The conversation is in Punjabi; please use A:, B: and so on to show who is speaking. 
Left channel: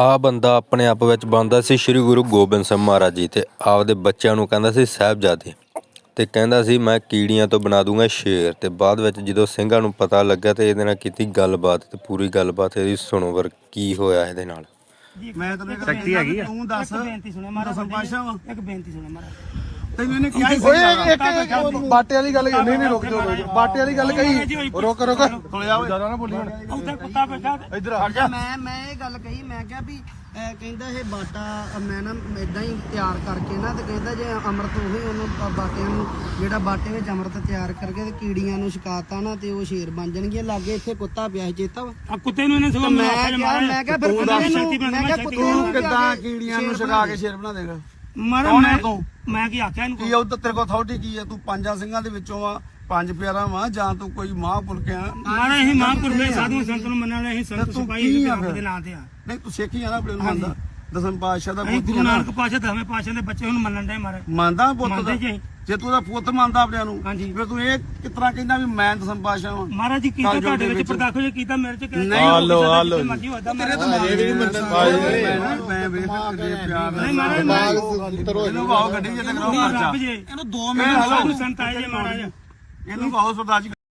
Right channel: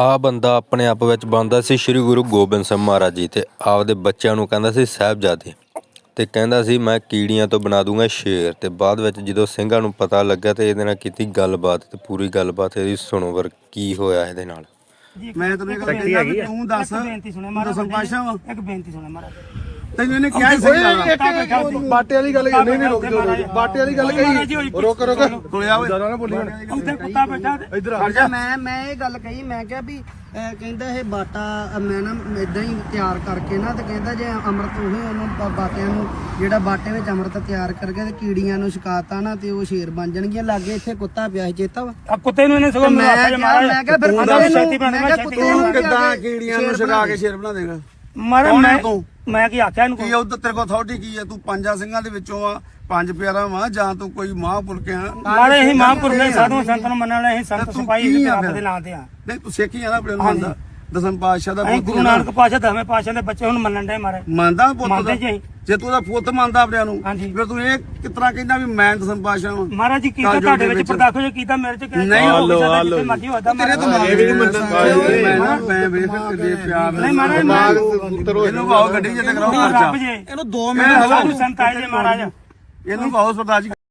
A: ਆ ਬੰਦਾ ਆਪਣੇ ਆਪ ਵਿੱਚ ਬਣਦਾ ਸੀ ਸ੍ਰੀ ਗੁਰੂ ਗੋਬਿੰਦ ਸਿੰਘ ਮਹਾਰਾਜ ਜੀ ਤੇ ਆਪਦੇ ਬੱਚਿਆਂ ਨੂੰ ਕਹਿੰਦਾ ਸੀ ਸਾਹਿਬਜ਼ਾਦੇ ਤੇ ਕਹਿੰਦਾ ਸੀ ਮੈਂ ਕੀੜੀਆਂ ਤੋਂ ਬਣਾ ਦੂੰਗਾ ਸ਼ੇਰ। ਤੇ ਬਾਅਦ ਵਿੱਚ ਜਦੋਂ ਸਿੰਘਾਂ ਨੂੰ ਪਤਾ ਲੱਗਾ ਤੇ ਇਹਦੇ ਨਾਲ ਕੀਤੀ ਗੱਲਬਾਤ ਤੇ ਪੂਰੀ ਗੱਲਬਾਤ ਇਹਦੀ ਸੁਣੋ ਵਰ ਕੀ ਹੋਇਆ ਇਹਦੇ ਨਾਲ।
B: ਮੈਂ ਤੈਨੂੰ ਇੱਕ
C: ਸ਼ਕਤੀ ਹੈਗੀ ਆ?
B: ਤੂੰ ਦੱਸ
D: ਇੱਕ ਬੇਨਤੀ ਸੁਣੇ ਮਹਾਰਾਜ ਇੱਕ ਬੇਨਤੀ ਸੁਣੇ ਮਹਾਰਾਜ
B: ਤੈਨੂੰ ਇਹਨੇ ਕਿਹਾ ਹੀ ਸਹੀ ਜਾਣਾ।
E: ਬਾਟੇ ਵਾਲੀ ਗੱਲ ਨਹੀਂ ਨਹੀਂ ਰੁਕ ਜਾ ਬਾਟੇ ਵਾਲੀ ਗੱਲ ਕਹੀ। ਰੁਕ ਰੁਕ।
B: ਕੋਲਿਆ ਓਏ।
E: ਜ਼ਿਆਦਾ ਨਾ ਬੋਲੀ ਹੁਣ।
D: ਉੱਥੇ ਕੁੱਤਾ ਬੈਠਾ ਤੇ।
E: ਇੱਧਰ ਆ।
F: ਅੱਛਾ ਮੈਂ ਮੈਂ ਇਹ ਗੱਲ ਕਹੀ ਮੈਂ ਕਿਹਾ ਵੀ ਕਹਿੰਦਾ ਇਹ ਬਾਟਾ ਮੈਂ ਨਾ ਇਦਾਂ ਹੀ ਤਿਆਰ ਕਰਕੇ ਨਾ ਤੇ ਕਹਿੰਦਾ ਜੇ ਅੰਮ੍ਰਿਤ ਉਹੀ ਉਹਨੂੰ ਬਾਟਿਆਂ ਨੂੰ ਜਿਹੜਾ ਬਾਟੇ ਵਿੱਚ ਅੰਮ੍ਰਿਤ ਤਿਆਰ ਕਰਕੇ ਤੇ ਕੀੜੀਆਂ ਨੂੰ ਛਕਾਤਾ ਨਾ ਤੇ ਉਹ ਸ਼ੇਰ ਬਣ ਜਾਣਗੀਆਂ। ਲਾਗੇ ਇੱਥੇ ਕੁੱਤਾ ਪਿਆ ਸੀ ਚੇਤਾ ਵਾ?
D: ਆ ਕੁੱਤੇ ਨੂੰ ਇਹਨੇ ਸਗੋਂ
F: ਮੈਂ
D: ਮੈਨੂੰ ਆਖਿਆ
F: ਕਿਹਾ
D: ਮਹਾਰਾਜ
F: ਮੈਂ ਕਿਹਾ ਫਿਰ
D: ਤੂੰ
F: ਕੁੱਤੇ ਨੂੰ ਮੈਂ ਕਿਹਾ ਕੁੱਤੇ
B: ਕਿੱਦਾਂ ਕੀੜੀਆਂ ਨੂੰ ਛਗਾ ਕੇ ਸ਼ੇਰ ਬਣਾ ਦੇਗਾ?
D: ਮਾਰੇ
B: ਕੌਣ ਆ
D: ਮੈਂ
B: ਤੂੰ?
D: ਮੈਂ ਕੀ ਆਖਿਆ ਇਹਨੂੰ
B: ਕੀ ਉਧਰ ਤੇਰੇ ਕੋਲ ਅਥਾਰਟੀ ਕੀ ਆ? ਤੂੰ ਪੰਜਾਂ ਸਿੰਘਾਂ ਦੇ ਵਿੱਚੋਂ ਆ ਪੰਜ ਪਿਆਰਾ ਵਾ ਜਾਂ ਤੂੰ ਕੋਈ ਮਹਾਂਪੁਰਖ ਆ?
D: ਮਾਰੇ ਇਹ ਮਹਾਂਪੁਰਖ ਨੇ ਸਾਧੂ ਸੰਤਾਂ ਨੂੰ ਮੰਨਣ ਵਾਲੇ ਇਹ ਸੰਤ
B: ਤੂੰ
D: ਸਿਪਾਹੀ
B: ਕੀ ਆ ਫਿਰ?
D: ਦੇ ਨਾਂ ਤੇ ਆ।
B: ਨਹੀਂ ਤੂੰ ਸਿੱਖ ਹੀ ਆ ਨਾ ਆਪਣੇ ਨੂੰ ਮੰਨਦਾ। ਦਸਮ ਪਾਤਸ਼ਾਹ ਦਾ
D: ਅਸੀਂ
B: ਪੁੱਤ
D: ਗੁਰੂ ਨਾਨਕ ਪਾਤਸ਼ਾਹ ਦਸਵੇਂ ਪਾਤਸ਼ਾਹ ਦੇ ਬੱਚੇ ਹੁਣ ਮੰਨਣ ਦੇ ਮਾਰੇ।
B: ਮੰਨਦਾ ਪੁੱਤ
D: ਮੰਨਦੇ
B: ਦਾ?
D: ਜੀ ਅਸੀਂ।
B: ਜੇ ਤੂੰ ਉਹਦਾ ਪੁੱਤ ਮੰਨਦਾ ਆਪਣੇ ਨੂੰ
D: ਹਾਂਜੀ।
B: ਫਿਰ ਤੂੰ ਇਹ ਕਿਤਨਾ ਕਹਿੰਦਾ ਵੀ ਮੈਂ ਦਸਮ ਪਾਤਸ਼ਾਹ ਵਾਂ?
D: ਮਹਾਰਾਜ ਜੀ ਕੀਤਾ ਤੁਹਾਡੇ
B: ਦੇ
D: ਵਿੱਚ। ਪਰਦਾਖੋ ਜੇ ਕੀਤਾ ਮੇਰੇ ਚ ਕਿਹਾ
B: ਨਹੀਂ,
D: ਹੋ ਸਕਦਾ ਜਿੱਥੇ ਮਰਜ਼ੀ ਹੋਦਾ
B: ਤੇਰੇ ਦਿਮਾਗ ਦੀ ਕੋਈ ਮੈਂ ਨਾ ਮੈਂ ਵੇਖ ਕੇ ਪਿਆਰ
D: ਨਹੀਂ ਮਹਾਰਾਜ ਮੈਂ
B: ਇਹਨੂੰ ਕਹੋ ਗੱਡੀ ਜਿੱਤੇ ਕਰਾਓ
D: ਰੱਬ
B: ਖਰਚਾ
D: ਜੀ।
B: ਇਹਨੂੰ 2
D: ਸਾਧੂ ਸੰਤ ਆਏ ਜੇ ਮਹਾਰਾਜ।
B: ਇਹਨੂੰ ਕਹੋ ਸਰਦਾਰ ਜੀ।